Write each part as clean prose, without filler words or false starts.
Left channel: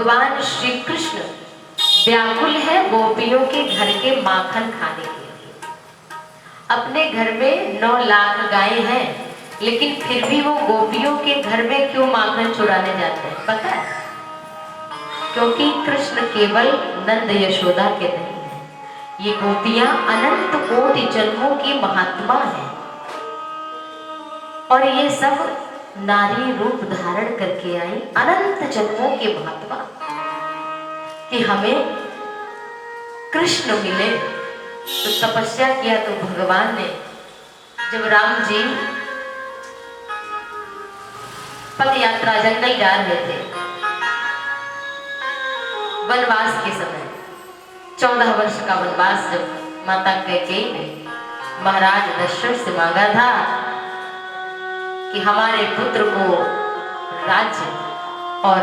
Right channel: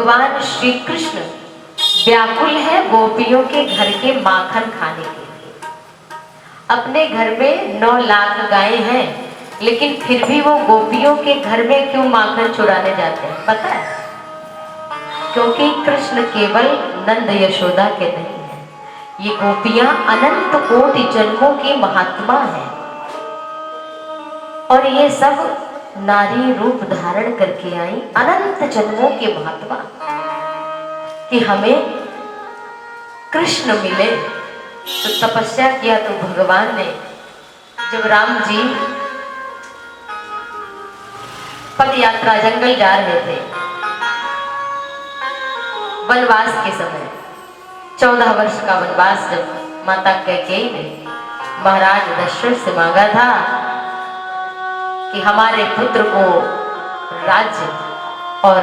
भगवान श्री कृष्ण व्याकुल है गोपियों के घर के माखन खाने के लिए। अपने घर में 9 लाख गायें हैं, लेकिन फिर भी वो गोपियों के घर में क्यों माखन चुराने जाते हैं पता है? क्योंकि कृष्ण केवल नंद यशोदा के नहीं है, ये गोपियां अनंत कोटि जन्मों की महात्मा है। और ये सब नारी रूप धारण करके आई अनंत जन्मों के महात्मा, कि हमें कृष्ण मिले। तो तपस्या किया तो भगवान ने, जब राम जी पद यात्रा जंगल जा रहे थे वनवास के समय, 14 वर्ष का वनवास, जब माता कैकेयी ने महाराज दशरथ से मांगा था कि हमारे पुत्र को राज्य, और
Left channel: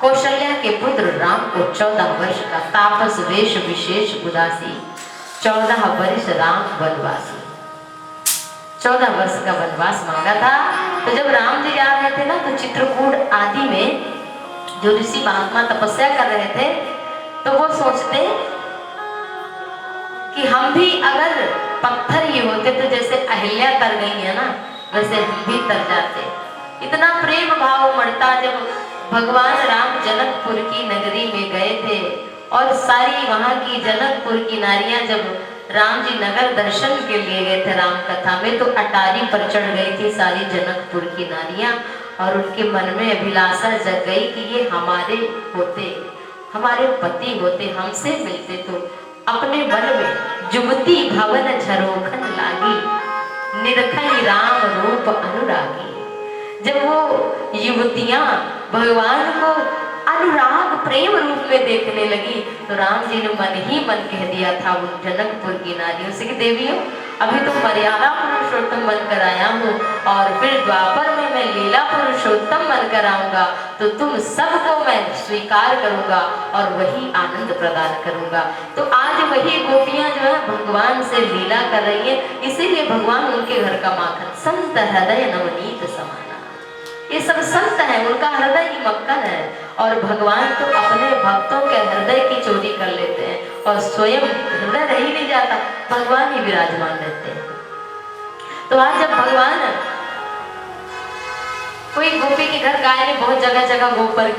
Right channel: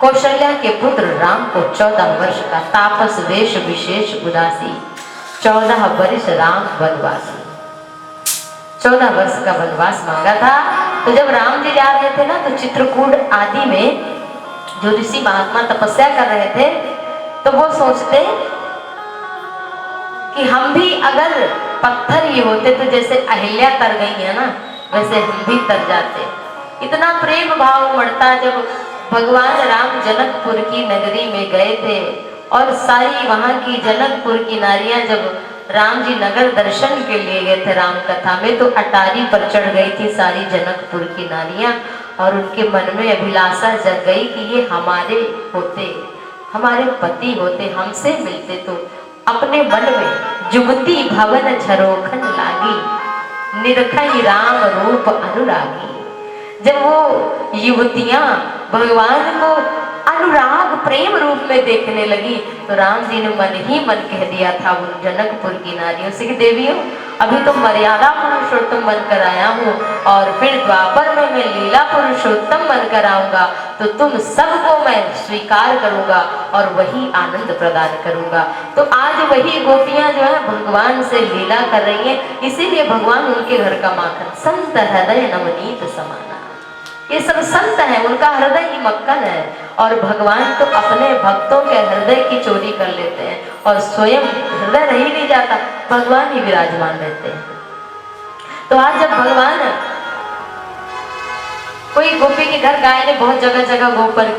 कौशल्या के पुत्र राम को 14 वर्ष का तापस वेश विशेष उदासी, 14 वर्ष राम वनवासी, 14 वर्ष का वनवास मांगा था। तो जब राम जी जा रहे थे ना, तो चित्रकूट आदि में जो ऋषि महात्मा तपस्या कर रहे थे, तो वो सोचते कि हम भी अगर पत्थर ही होते तो जैसे अहिल्या तर गई है ना, वैसे हम भी तर जाते। इतना प्रेम भाव बढ़ता जब भगवान राम जनकपुर की नगरी में गए थे, और सारी वहां की जनकपुर की नारियां जब राम जी नगर दर्शन के लिए गए थे राम कथा में, तो अटारी पर चढ़ गई थी सारी जनकपुर की नारियां, और उनके मन में अभिलाषा जग गई कि ये हमारे होते, हमारे पति होते, हमसे मिलते तो अपने मन में जुगती भवन झरोखन लागी, निरखई राम रूप अनुरागी। जब वो युवतियां भगवान को अनुराग प्रेम रूप में देखने लगी, तो राम जी ने मन ही मन कह दिया था उन जनकपुर की नारियों से कि देवियों, अभी तो मर्यादा पुरुषोत्तम बनकर आया हूँ, और फिर द्वापर में मैं लीला पुरुषोत्तम बनकर आऊंगा, तो तुम सबको मैं स्वीकार करूंगा और वही आनंद प्रदान करूंगा। तो आज वही गोपियां जो है भगवान से लीला कर रही हैं, इसीलिए भगवान उनके घर का माखन, संत हृदय नवनीत समाना। ये सब संत है, उनका हृदय ही मक्खन है, और भगवान तो अपने भक्तों के हृदय की चोरी कर लेते हैं, और स्वयं हृदय रह ही नहीं जाता, भगवान ही विराजमान रहते हैं। तो आज जब भगवान, कोई गोपी के घर गाय ने बहुत जगह जगह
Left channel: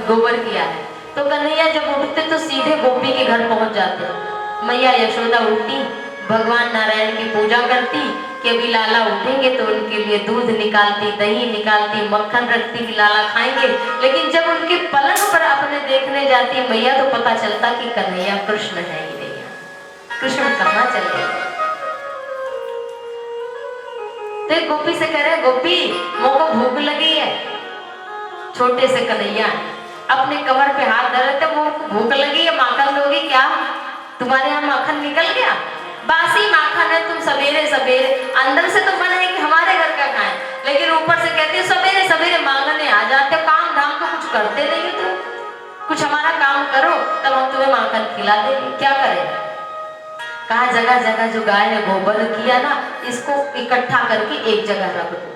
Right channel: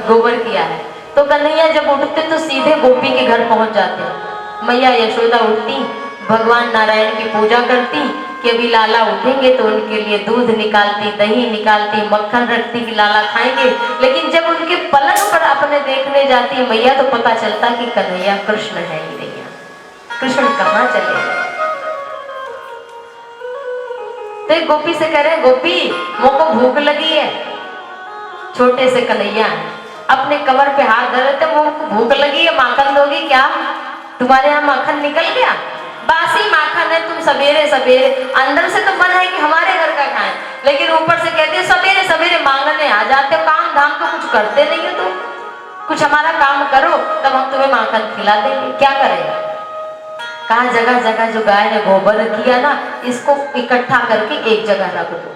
गोबर किया है, तो कन्हैया जब उठते तो सीधे गोपी के घर पहुंच जाते। मैया यशोदा उठती, भगवान नारायण की पूजा करती कि अभी लाला उठेंगे तो उनके लिए दूध निकालती, दही निकालती, मक्खन रखती कि लाला खाएंगे। लेकिन जब उनके पलंग पर अपने देखने जाती मैया, तो पता चलता कि कन्हैया कृष्ण है ही नहीं, कृष्ण कहाँ चले गए। तो एक गोपी से कह रहे, गोपी मोको भूख लगी है। छोटे से कन्हैया अपने कमर पे हाथ धर रहे थे, मोको भूख लगी है, माखन दोगी क्या? तुम्हारे यहाँ माखन निकल गया? बासी माखन है, तुम सवेरे सवेरे, अंदर से तो मन है कि हमारे घर का खाएं, लेकिन ऊपर से कहते हैं सवेरे सवेरे मांगने आ जाते हो, काम धाम तो कुछ करते नहीं हो तुम, कुछ हमारा काम करो तब हम तुम्हें माखन खिला देंगे। क्या करें? कहा जगह जगह जो गाय ने गोबर किया ना, इसको इकट्ठा करके एक जगह रख दो,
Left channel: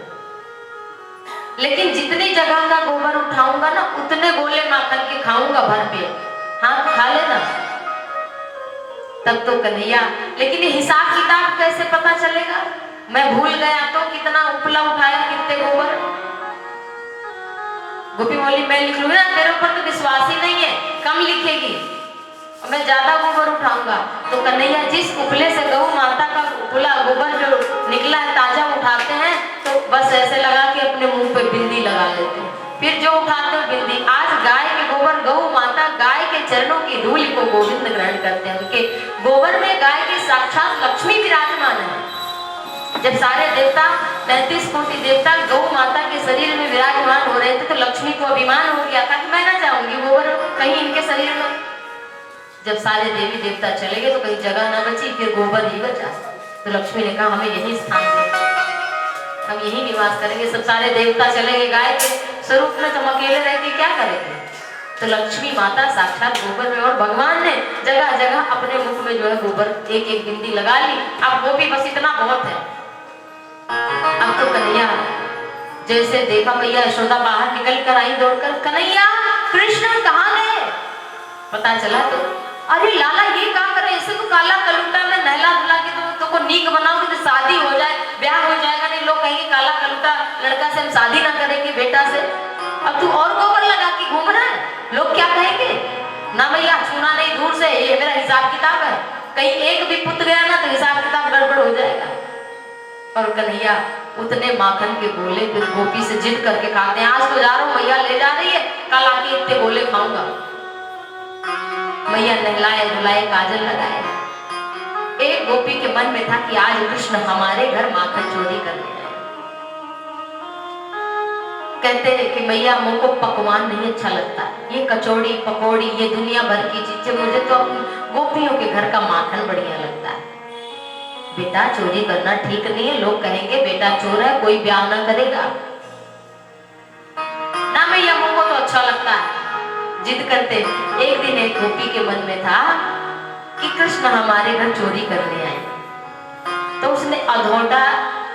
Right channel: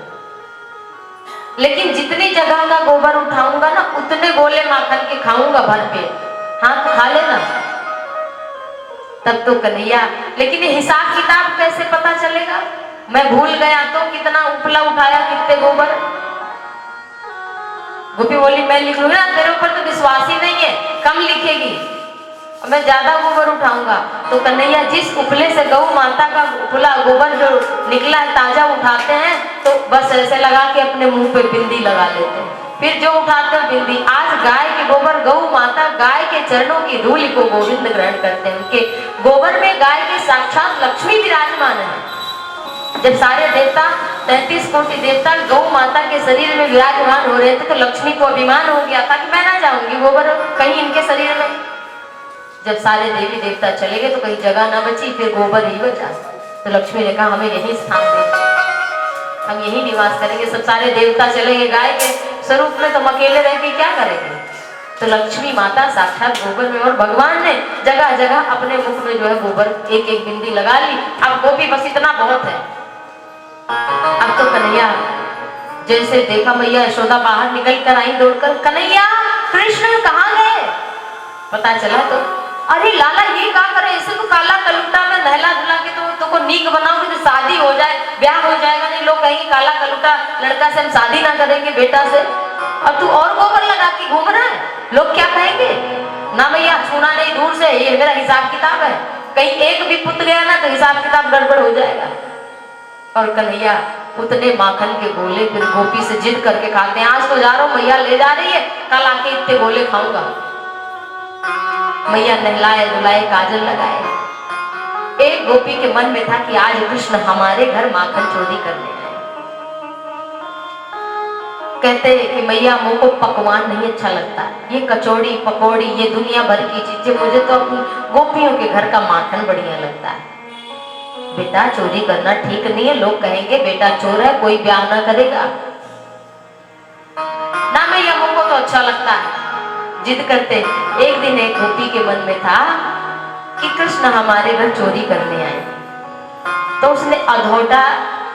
लेकिन जितनी जगह का गोबर उठाऊंगा ना, उतने गोले माखन के खाऊंगा भर पेट। हाँ खा लेना। तब तो कन्हैया, लेकिन हिसाब किताब कैसे पता चलेगा? मैं भूल गया तो कितना उपला उठाया, कितने गोबर? गोपी बोली मैं लिख लूंगी ना, तेरे ऊपर तो विश्वास ही नहीं है, कम लिखेगी, मैं ज्यादा गोबर उठाऊंगा। तो कन्हैया जिस उपले से गौ माता का उपला गोबर जो निकला है ताजा उठाते हैं, तो बस ऐसे लगा के अपने मुंह पे बिंदी लगा लेते हैं, फिर जो उठाते हैं बिंदी। आज गाय के गोबर, गौ माता गाय के चरणों की धूल को गोविंद ग्रहण करते हैं, उनके गोबर में गाय के साक्षात लक्ष्मी विराजमान है। जब सारे देवता 33 कोटि देवता गौ माता के शरीर में विराजमान हो रहे थे, तो लक्ष्मी को अभिमान हो गया था कि मैं ना जाऊंगी गोबर कहीं इनके शरीर में। जब सारे देवी देवता चले गए तो कहीं जगह ना बची, फिर गोबर ही बचा। तो लक्ष्मी ने कहा हमें यही स्थान दे, हम यही निवास करेंगे। सब सारे देवता चलेंगे गाय के स्वरूप में, तो हम अकेले रह के क्या करेंगे? तो लक्ष्मी माता साक्षात गोबर में, और भगवान ने जगह जगह अपने मुख में जो है गोबर एक एक बिंदी लगा ली। अब गोपी बस इतना बहुत है। अब तो कन्हैया जैसे देखा मैया यशोदा बाहर निकल कर आई दौड़कर, कन्हैया कृष्ण कहाँ गए? पता चला तो अरे लाला ये क्या करे, इसे तो काला कलूटा में नहला धुला के तो को नीक बनाओगे तो शादी हो जाए, ब्याह हो जाएगा। नहीं लोग कहेंगे काला कलूटा लड़का से हम शादी ना करेंगे बेटा से, अब तू और गोबर लगा के घूम रहा है, लोग क्या कहेंगे? ना भैया छूना नहीं दूर से, ये मेरा हिसाब किताब है, कहीं एक भी पुत गया ना तो हिसाब किताब गड़बड़ हो जाएगा। और कन्हैया उतने माखन के गोले फिर गोपी से जिद करके खाते हैं, आज तो जा रहा हूँ मैया ले जा रही है, कल आके इतने गोले खाऊंगा। मैया नहलाए धुलाए काजल लगाए। एक गोपी के मन में था कि आज कृष्ण हमारे घर माखन चोरी करने आए। कहते हैं कि मैया मुझको पकवान नहीं अच्छा लगता, ये कचौड़ी पकौड़ी ये दुनिया भर की चीजें, मुझे तो अपनी गोपियों के घर का माखन बढ़िया लगता है। बेटा चोरी करना ठीक नहीं है, लोग कहेंगे बेटा चोर है, कोई ब्याह ना करेगा। ना मैया मुझको तो अच्छा लगता है। जिद करते एक दिन एक गोपी के मन में था कि कृष्ण हमारे घर चोरी करने आए, तो उसने अधोटा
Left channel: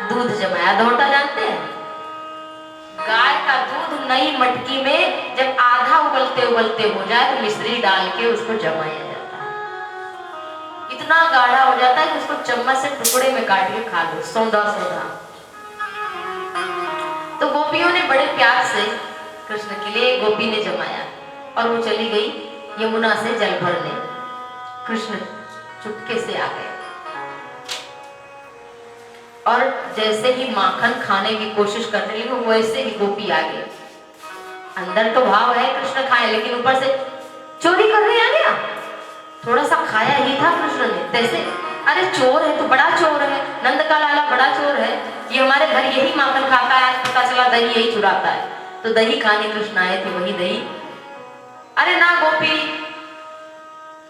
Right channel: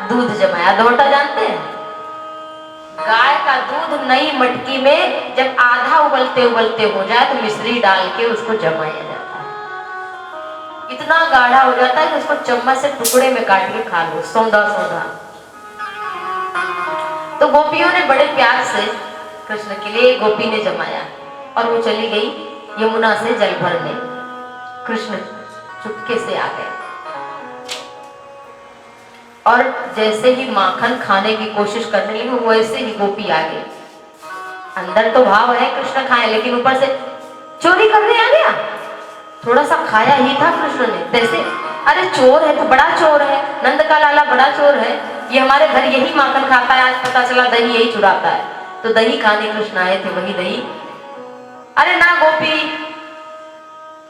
दूध जमाया। अधोटा जानते हैं? गाय का दूध नई मटकी में जब आधा उबलते उबलते हो जाए तो मिश्री डाल के उसको जमाया जाता है। इतना गाढ़ा हो जाता है कि उसको चम्मच से टुकड़े में काट के खा लो, सौंधा सौंधा। तो गोपियों ने बड़े प्यार से कृष्ण के लिए गोपी ने जमाया और वो चली गई यमुना से जल भरने। कृष्ण चुपके से आ गए और जैसे ही माखन खाने की कोशिश करने लगी वैसे ही गोपी आ गई। अंदर तो भाव है कृष्ण खाए, लेकिन ऊपर से चोरी करने आ गया। थोड़ा सा खाया ही था कृष्ण ने, जैसे अरे चोर है तो बड़ा चोर है, नंद का लाला बड़ा चोर है, ये हमारे घर यही माखन खाता है, आज पता चला दही यही चुराता है। तो दही खाने कृष्ण आए थे, वही दही। अरे ना गोपी,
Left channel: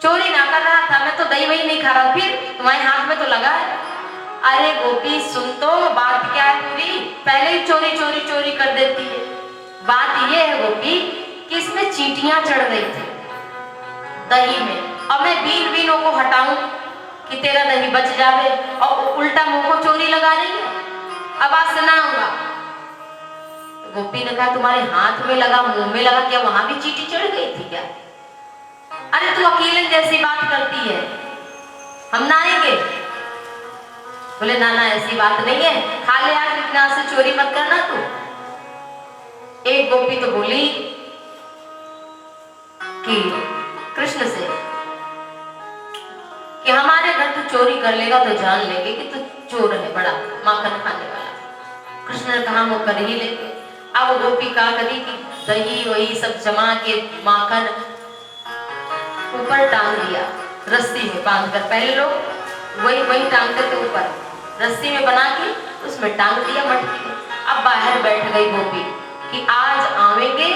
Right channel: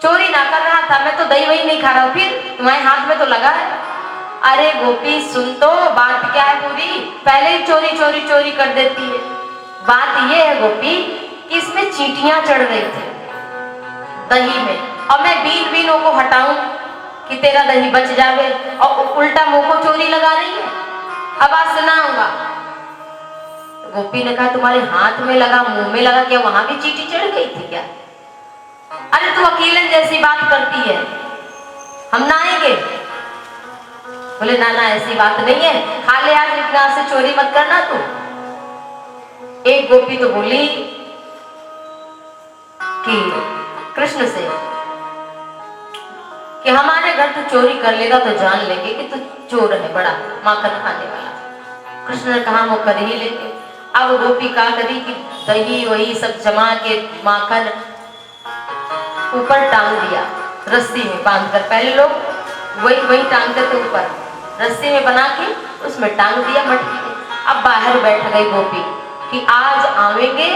चोरी ना कर रहा था मैं, तो दही वही नहीं खा रहा हूं, फिर तुम्हारे हाथ में तो लगा है। अरे गोपी सुन तो, बात क्या है पूरी, पहले ही चोरी चोरी चोरी कर देती है। बात ये है गोपी कि इसमें चींटियां चढ़ गई थी दही में, और मैं बीन बीनों को हटाऊं कि तेरा दही बच जावे, और उल्टा मुंह को चोरी लगा रही है, अब आज से ना होगा। गोपी ने कहा तुम्हारे हाथ में लगा मुंह में लगा, क्या वहां भी चींटी चढ़ गई थी क्या? अरे तू अकेले जैसी बात करती है, हम ना आएंगे। बोले ना ना ऐसी बात नहीं है, खा ले आज, लेकिन आज से चोरी मत करना तू। एक गोपी तो बोली कि कृष्ण से कि हमारे घर तू चोरी कर लेगा तो जान लेंगे कि तू चोर है बड़ा माखन खाने वाला। कृष्ण ने कहा वो कर ही लेंगे। अब गोपी क्या करी कि दही वही सब जमा के माखन ऊपर टांग दिया, रस्सी में बांधकर। पहले लोग वही टांगते थे ऊपर, रस्सी में बना के उसमें टांग दिया मटकी में। अब बाहर बैठ गई गोपी कि आज आवेंगे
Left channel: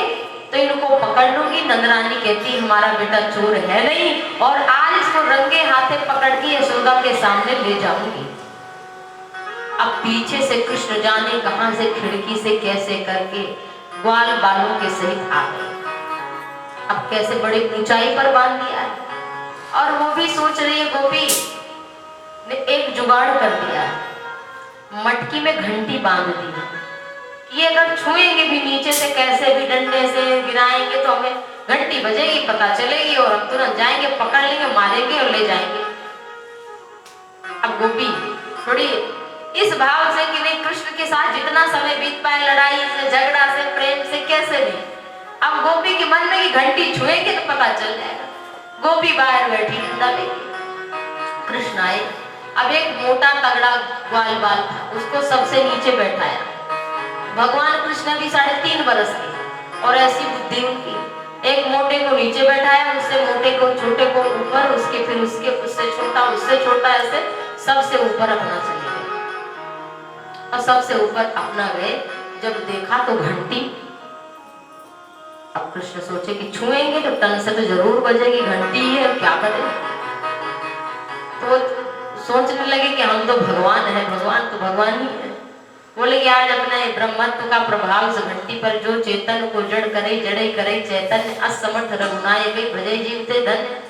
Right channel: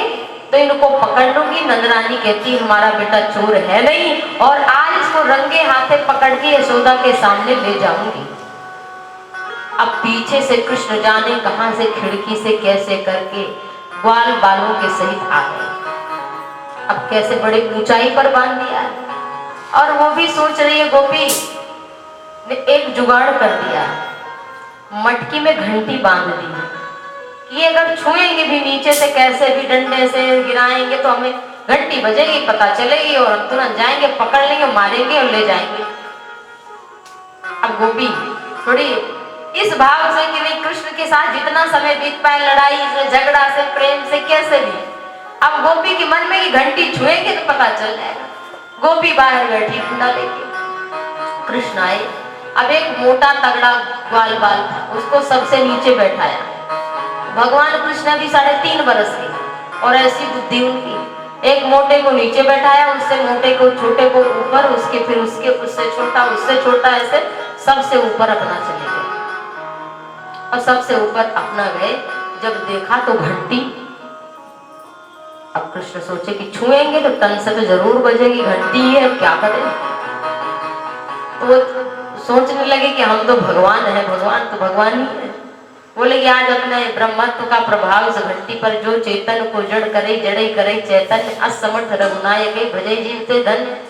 तो इनको पकड़ लूंगी। नंदरानी कहती हमारा बेटा चोर है नहीं, और आज इसको रंगे हाथे पकड़ के यशोदा के सामने ले जाऊंगी। अब पीछे से कृष्ण जाने कहां से खिड़की से कैसे करके ग्वाल बालों के सहित आ गए। अब कैसे बड़े ऊंचाई पर बांध दिया, और वो भी सोच रही है गोपी ने एक जुगाड़ कर दिया, मटकी में घंटी बांध दी कि अगर छुएंगे भी नीचे से कैसे भी डंडे से गिराएंगे तो हमें घंटी बजेगी, पता चलेगी, और हम तुरंत जाएंगे, पकड़ लेंगे, मारेंगे और ले जाएंगे। अब गोपी थोड़ी इस भाव से कि नहीं कृष्ण के साथ जितना समय बीत पाए, लड़ाई से झगड़ा से प्रेम से कैसे भी, अब गोपी के मन में कि घंटी छुएंगे तो पता चल जाएगा। गोपी बाहर बैठी डंडा लेके। कृष्ण आए। अब एक मोटा तगड़ा ग्वाल बाल था, उसको सबसे नीचे बैठाया। भगवान कृष्ण भी 3.5 बरस के, और ऐसी बुद्धि उनकी, एक मोटे को नीचे बैठाया, उससे मोटे को छोटे को ऊपर, उसके फिर उससे छोटा ऐसे सबसे ऊपर अपना चले गए। और सबसे ऊपर अपना गए, जब देखा तो घंटी। अब कृष्ण सोचे कि छुएंगे तो टन से तो जरूर बजेगी, घंटी है क्या करें। तो वो सोचने लगे कि हम तो भगवान है, भगवान तो भगवान ही है। बोले कि आज अपने ब्रह्मत्व का प्रभाव उस घंटी पर, जो चेतन को जड़ करे जड़े करे चैतन्य, असमर्थ रघुनायक भजे जीवते धन्य।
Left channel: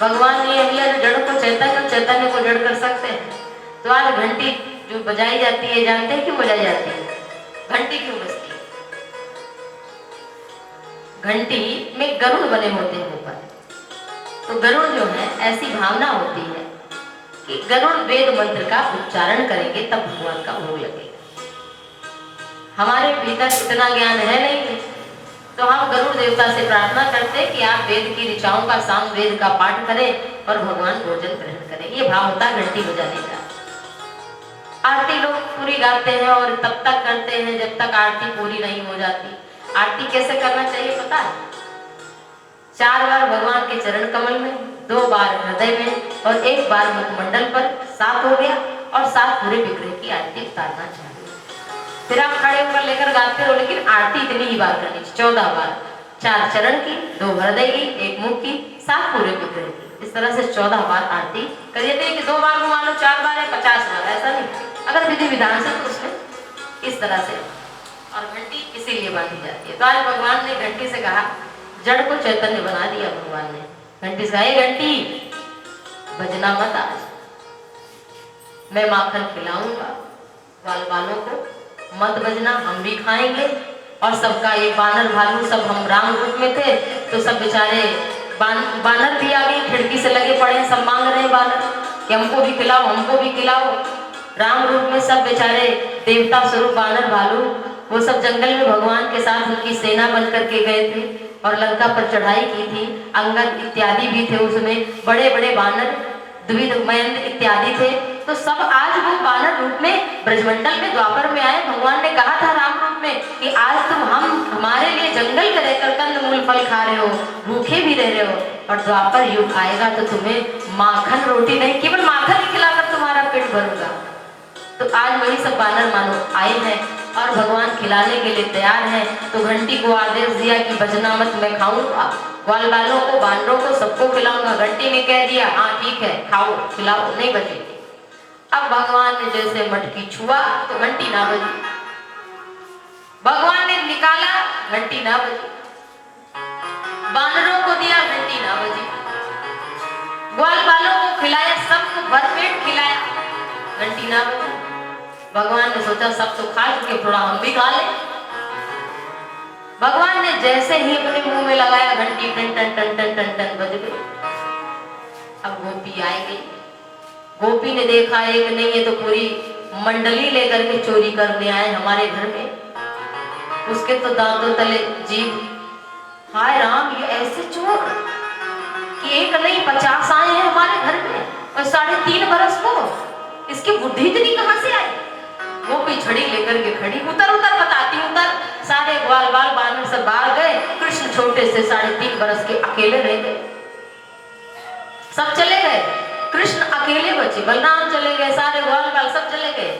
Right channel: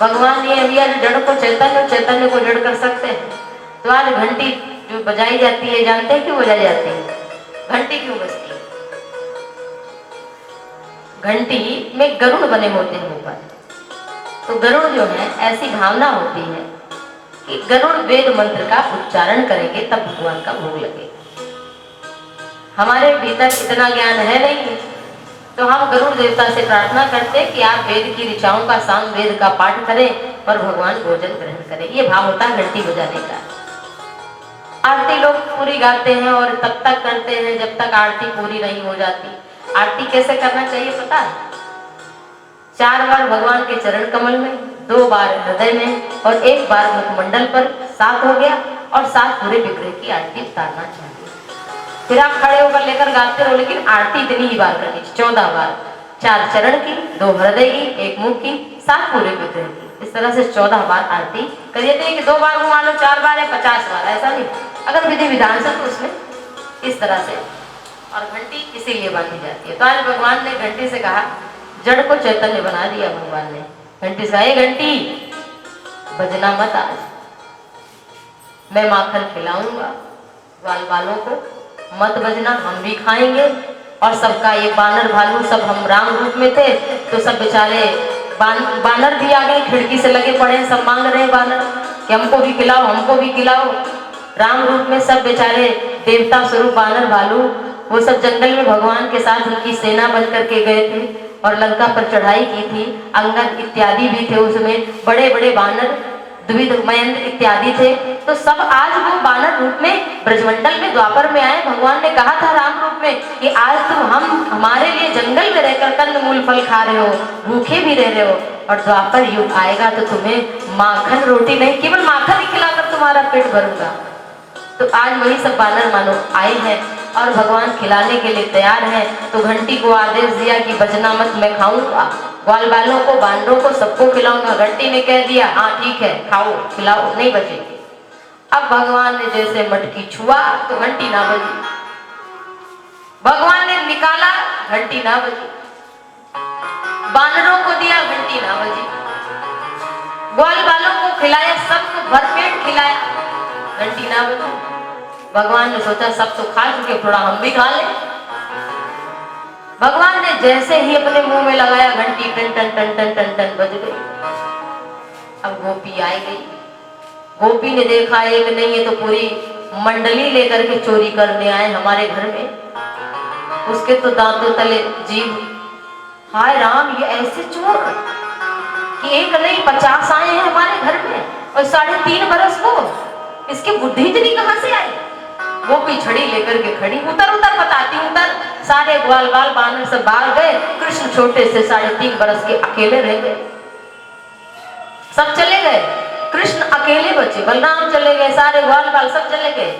भगवान ये अभी जड़ को चैतन्य, चैतन्य को जड़ कर सकते हैं। तो आज घंटी जो बजाई जाती है, जानते हैं क्यों बजाई जाती है? घंटी क्यों बजती है? घंटी में गरुड़ बने होते हैं ऊपर। तो गरुड़ जो है, ऐसी भावना होती है कि गरुड़ वेद मंत्र का उच्चारण करेंगे तब भगवान का भोग लगेगा। हमारे भीतर इतना ज्ञान है नहीं, तो हम गरुड़ देवता से प्रार्थना करते कि आप वेद की ऋचाओं का साम वेद का पाठ करें और भगवान भोजन ग्रहण करें। ये भाव होता है घंटी बजाने का। आरती लोग पूरी गाते हैं और तब तक करते हैं जब तक आरती पूरी नहीं हो जाती। आरती कैसे करना चाहिए पता है? 4 बार भगवान के चरण कमल में, 2 बार हृदय में और 1 बार मुखमंडल पर, 7 हो गया। और 7 पूरे विग्रह की आरती उतारना चाहिए। फिर आप खड़े होकर लेकर गाते रहो, लेकिन आरती इतनी ही बार करनी चाहिए, 14 बार। 4 चरण की, 2 हृदय की, 1 मुख की, 7 पूरे विग्रह की। इस तरह से 14 बार आरती करिए। नहीं कि 2 बार घुमा लो, 4 बार है 50 बार, ऐसा नहीं। अगर विधि विधान से तो उसमें इस तरह से। और घंटी इसीलिए बांधी जाती है। तो आज भगवान ने घंटी से कहा, जड़ को चैतन्य बना दिया भगवान ने। घंटी से कहा, घंटी बजना मत, आज मैं माखन खिलाऊंगा ग्वाल बालों को, मत बजना, हम भी खाएंगे। और सबका ये बानर भालू सब, हम राम रूप में थे तो सब बेचारे बानर भी आ गए, खिड़की से लगे पड़े, सब मांग रहे हैं बानर कि हमको भी खिलाओ, हमको भी खिलाओ। राम रूप में सब बेचारे देवता स्वरूप बानर भालू, वो सब जंगल में भगवान के साथ उनकी सेना बन करके गए थे और लंका पर चढ़ाई की थी। अंगद इत्यादि भी थे उसमें, बड़े बड़े बानर, द्विविध महेंद्र इत्यादि थे। तो सब आज वो बानर रूप में ब्रजमंडल में द्वापर में आए। भगवान ने कहा था राम रूप में कि आज तुम हमारे लिए जंगल में रहकर कंद मूल फल खा रहे हो, भूखे भी रह रहे हो, और द्वापर युग आएगा तो तुम्हें माखन रोटी नहीं, केवल माखन ही खिलाकर तुम्हारा पेट भरूंगा। तो आज वही सब बानर मानो आए हैं और भगवान खिलाने के लिए तैयार हैं। तो घंटी को आदेश दिया कि बजना मत, मैं खाऊंगा, ग्वाल बालों को, बानरों को, सबको खिलाऊंगा। घंटी ने कह दिया, हाँ ठीक है, खाओ खिलाओ, नहीं बचेगी। अब भगवान ने जैसे मटकी छुआ तो घंटी ना बजी, भगवान ने निकाला, घंटी ना बजी, बानरों को दिया, घंटी ना बजी, ग्वाल बालों को खिलाया, सबको भरपेट खिलाया, घंटी ना बजी। भगवान ने सोचा सब तो खा चुके, थोड़ा हम भी खा ले। भगवान ने जैसे ही अपने मुंह में लगाया, घंटी टन टन टन टन टन टन बज गई। अब गोपी आई गई। गोपी ने देखा एक नहीं है तो पूरी मंडली लेकर के चोरी करने आए हमारे घर में। उसके तो दांतों तले जीभ, हाय राम, ये ऐसे चोर कि एक नहीं 50 आए हैं हमारे घर में और 3.5 बरस को, इसकी बुद्धि इतनी कहां से आई? गोपी छड़ी लेकर के खड़ी, उतर उतर बताती, उतर। सारे ग्वाल बाल बानर सब बाहर गए, कृष्ण छोटे से 3.5 बरस के अकेले रह गए, सब चले गए, कृष्ण अकेले बचे, बलराम चले गए, सारे ग्वाल बाल सब चले गए।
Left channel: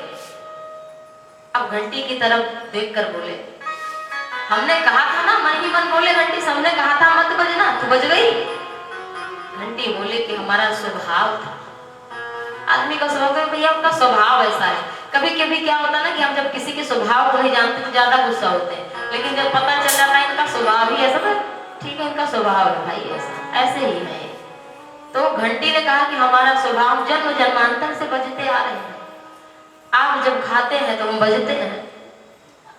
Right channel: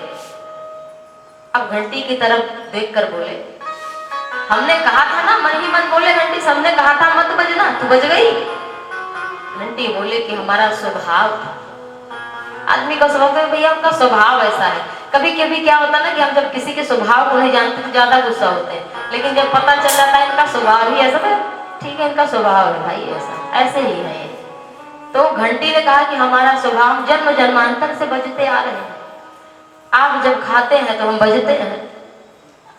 अब घंटी की तरफ देखकर बोले, हमने कहा था ना, मन ही मन बोले घंटी, सबने कहा था मत बजना, तू बज गई। घंटी बोले कि हमारा स्वभाव था। आदमी का स्वभाव है भैया, उनका स्वभाव ऐसा है। कभी कभी क्या होता है ना कि हम जब किसी के स्वभाव को नहीं जानते तो ज्यादा गुस्सा होते हैं, लेकिन जब पता चल जाता है इनका स्वभाव ही ऐसा, तो ठीक है, इनका स्वभाव है भाई ऐसा, ऐसे ही है। तो घंटी ने कहा कि हमारा स्वभाव जन्म जन्मांतर से बजते आ रहे हैं, आप जब खाते हैं तो हम बजते हैं,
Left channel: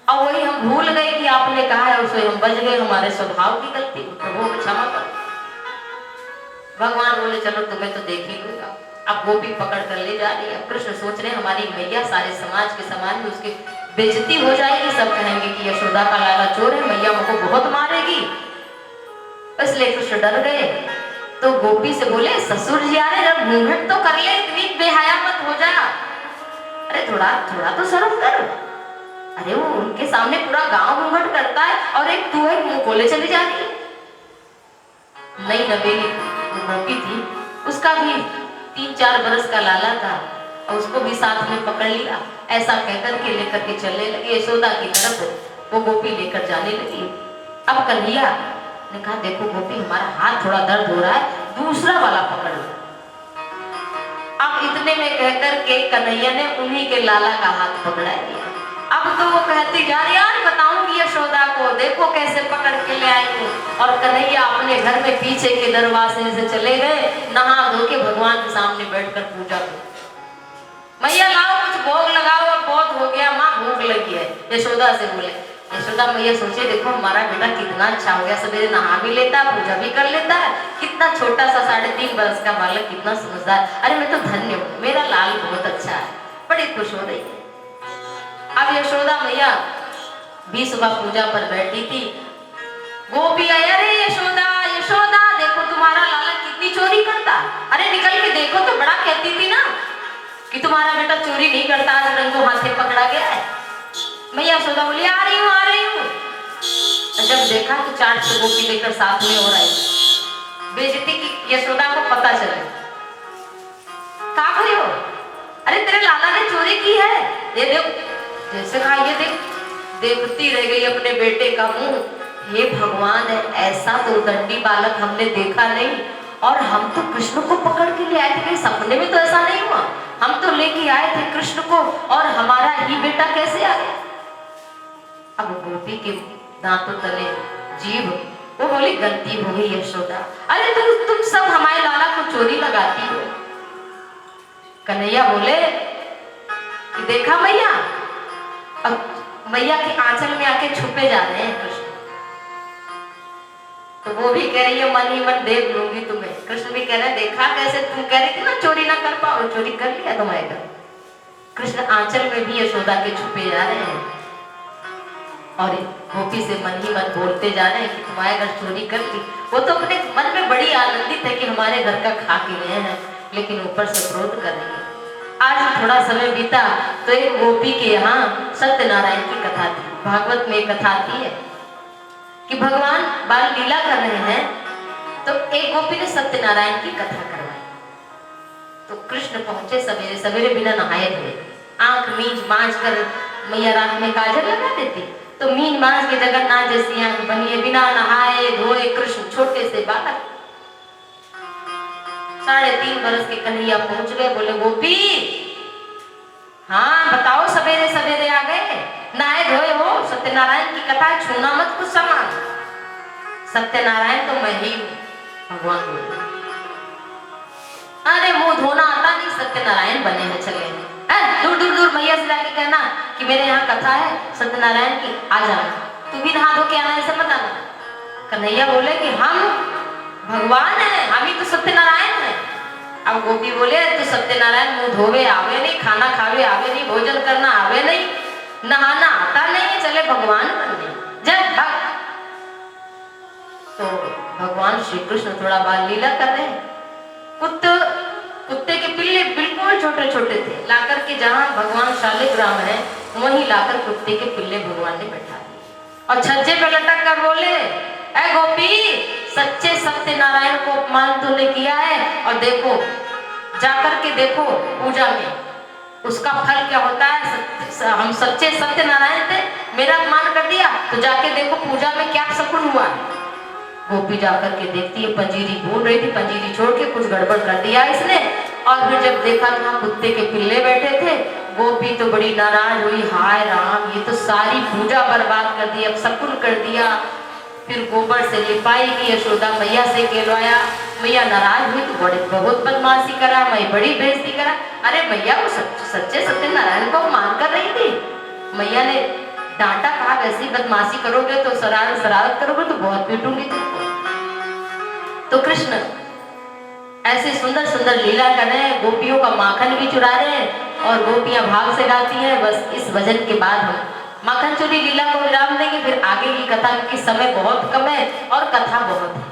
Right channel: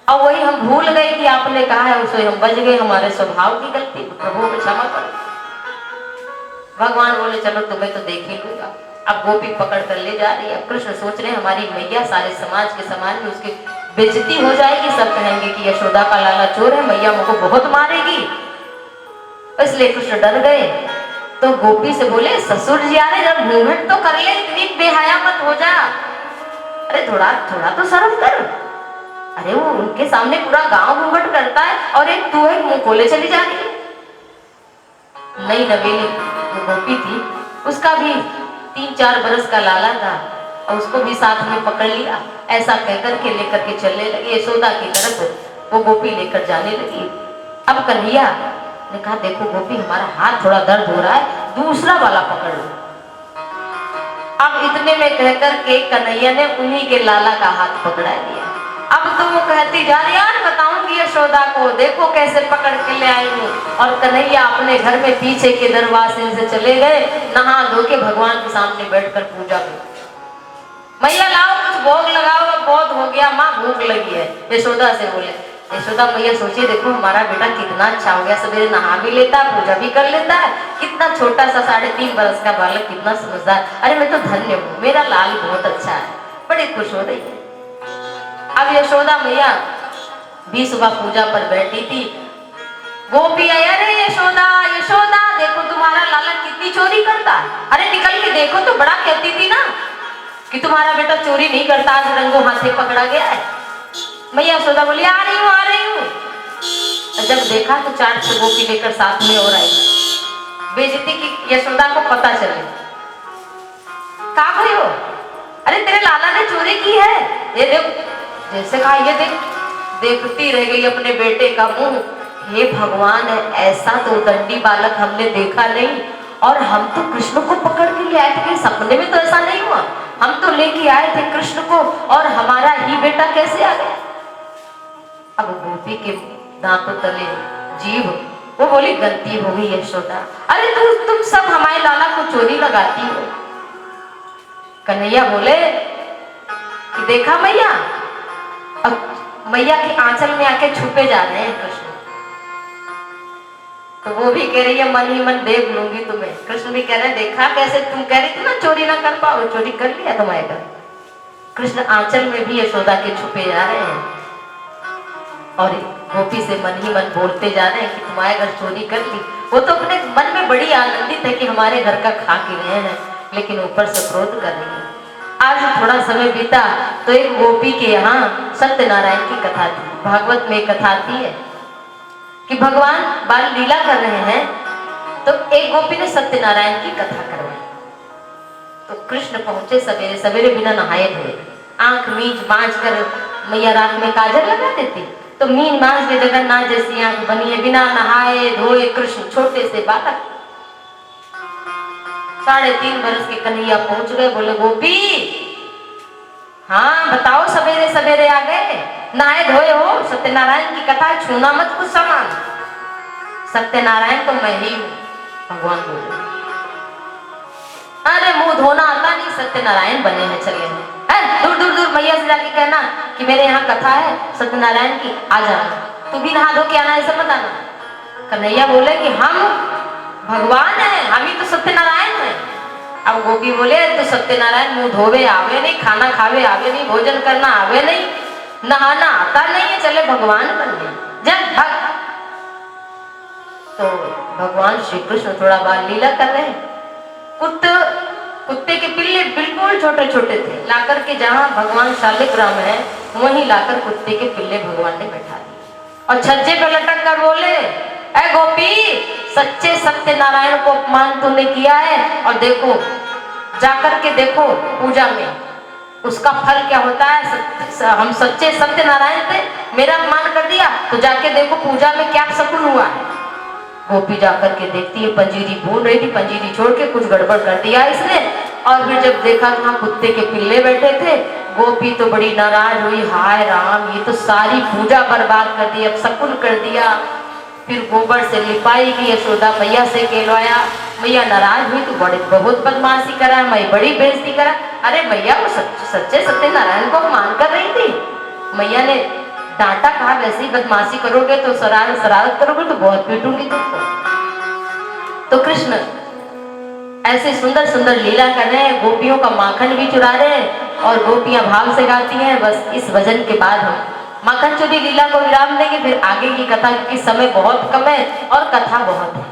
और वही हम भूल गए कि आपने कहा है, उससे हम बज गए, हमारे स्वभाव की गलती, प्रभु को क्षमा करो। भगवान बोले चलो तुम्हें तो देख ही लूंगा। अब गोपी पकड़ कर ले जा रही है। कृष्ण सोच रहे हमारी मैया सारे समाज के सामने उसकी बेइज्जती हो जाएगी, सब कहेंगे कि यशोदा का लाला चोर है, मैया मुझको बहुत मारेगी, इसलिए कृष्ण डर गए। तो गोपी से बोले, ससुर जी आ रहे, जब घूंघट तो कर ले, इतनी बेहया मत हो जा, अरे थोड़ा थोड़ा तो शर्म कर। अरे वो उनके सामने पूरा गांव घूंघट करता है और एक तू है मुंह खोले चली जा रही है। नई नवेली गोपी थी, उसका भी 3-4 बरस का लाला था और उसको भी साथ में पकड़ लिया। ऐसा कहकर के लेकर के चलने लगी यशोदा की तरफ, वो गोपी लेकर जाने लगी। अब कन्हैया ने कहा, देखो गोपी, हमारा हाथ थोड़ा दर्द हो रहा है, दूसरा वाला पकड़ लो। अब इतने में कहकर के कन्हैया ने उन्हीं के लाला का हाथ पकड़ा दिया। अब तो वो कहती जा रही, यार बताऊंगी यशोदा को, देखो कैसे पकड़ के ले आई हूँ। और कन्हैया अपने घर में पीछे के दरवाजे से चले गए, नहा धो के भगवान के सामने बैठकर पूजा की। मैया लाओ कुछ भोग लगाओ, अब बहुत हो गया माँ, भूख लगी है। यशोदा से बोले, यशोदा मैया सोचिए, देखो हमारा बेटा कितना अच्छा हो गया, सवेरे नहा भी लेता, पूजा भी कर लेता है, कितना छोटा सा 3.5 बरस का बालक, कितना समझदार। अरे मैं तो धन्य हूँ, मेरा लाल बहुत अच्छा है। बड़ी खुश हो रही है। अब यशोदा मैया भी सुबह पूजा पर बैठी थी। गोपी आई, अरे यशोदा यशोदा, देखो तुम्हारा लाला कितनी चोरी करता। अरे निकल के देखो तो, बड़ा कहती थी ना कि तुम्हारा बेटा चोरी नहीं करता, आज रंगों हाथे पकड़ा गया है। मैया यशोदा बोली, आ रही हूँ आ रही हूँ। जब देखा तो 4 गोपी लेकर साथ में और आई। बेइज्जती की यशोदा को पता चले। कहा खड़ी हो? अरे तेरे लाला ने चोरी की है, ये देख। जैसे कहा ये देख, देखती रह गई अपने बेटे का मुंह। हे भगवान, ऐसा तो दंडी बालक हमने देखा नहीं, और हम तो कृष्ण को पकड़ के ले आए थे, सपने में तो ऐसा नहीं हुआ। हम तो लेके आए थे कृष्ण को, और हमारा ही बेटा कैसे आ गया? अब गोपी के दांतों तले जीभ, वो बोली, गलती हो गई यशोदा। अरे तुम सब हमारे लाला को चोरी लगाती हो। कन्हैया बोले कि देखा मैया, अब मैया के आंचल में आके छुपे जा रहे हैं कृष्ण। तो वो भी कह रही है, मन ही मन देख लूंगी तुम्हें। कृष्ण भी कह रहे हैं, देखा कैसे तुम कह रही थी ना चोरी ना कर पाओ, चोरी कर लिया तुम्हारे घर। कृष्ण आंचल में भी यशोदा के छुपे जा रहे हैं, और गोपी से मन ही मन बोलते जा रहे हैं कि तुम्हारे घर चोरी कर ली। वो तो अपने मन में बड़ी आनंदित है कि हमारे घर का खा के गए हैं, लेकिन ऊपर से क्रोध कर रही है। आज थोड़ा समय बीता तो एक गोपी के यहाँ सत्यनारायण की कथा थी। भागवत में कथा आती है कि भगवान बाल लीला कर रहे हैं, तो एक गोपी ने सत्यनारायण की कथा करवाई। तो कृष्ण पहुंचे सवेरे सवेरे, बिना नहाए धोए, आंख मींच मांझ कर, मैया रात में काजल लगा देती, तो मीन मांझ में जगन्नाथ जैसी आंख बनी है, बिना नहाए धोए कृष्ण छोटे से बालक। 3.5 बरस के कन्हैया पहुंच गए। बोले, गोपी हाँ बताओ, सवेरे सवेरे आ गए, नहाए धोए हो, सत्यनारायण की कथा, छूना मत कुछ सामान। सत्यनारायण तो मैं ही हूँ, भगवान बोले। अरे मुंह धोना आता नहीं, सत्यनारायण बने हैं, चले हैं। दूर दूर दूर मैया से जाके कहना कि मेरे यहाँ कथा है सत्यनारायण की, आ जाना। तू भी नहा धो के आना, ऐसा मत आना। कन्हैया बोले कि हम भगवान है, हम ही तो सत्यनारायण है। अब गोपी बोले, तो सत्यनारायण मुंह धोवे आवे नहीं, खाना खावे आवे नहीं, भोजन करना आवे नहीं, नहाना आता नहीं है, चले भगवान बनने। जब भक्त तो भगवान श्री कृष्ण थोड़ा बाल लीला कर रहे हैं। कुत्ते के पिल्ले बिल्कुल छोटे छोटे थे, लाकर के जहाँ भगवान शालिग्राम है वहीं लाकर कुत्ते के पिल्ले भगवान ने बैठा दिए, और छज्जे पे लटक कर बोले, ऐ गोपी, सच्चे सत्यनारायण को अपमान तूने किया है, और देखो जाकर के देखो पूजा में उसका फल क्या होता है। हम सच्चे सत्यनारायण थे, मेरा अपमान कर दिया, तो जाके देखो पूजा में क्या शकुन हुआ है। गोपी जाकर के देखती है, पंजीरी भून रही थी, पंजीरी छोड़ के कुछ गड़बड़ कर दिया इसने, और फिर जब देखा वहां कुत्ते के पिल्ले बैठे थे, गोपी तो बड़ी नाराज हुई, हाय राम, ये तो सारी पूजा बर्बाद कर दी, अब शकुन कर दिया। फिर गोबर से लिपाई की, यशोदा मैया से कहलवाया। मैया नाराज हुई, तो बहुत बदमाशी करा, मैं बड़ी बेइज्जती करा। अरे भैया, वो सच्चे सत्यनारायण को मान कर रही थी। मैया ने डांटा, कहा वैसी बदमाशी करोगे तो शरारत करोगे तो बहुत पीटूंगी तुमको। तो कृष्ण ऐसे सुंदर सुंदर लीला कर रहे हैं, गोपियों का माखन भी चुरा रहे हैं, और गोपियां भाव से गाती हैं। बस इस भजन के बाद हम माखन चोरी लीला को विराम देंगे, फिर आगे की कथा, क्योंकि समय बहुत कम है और कथा बहुत है।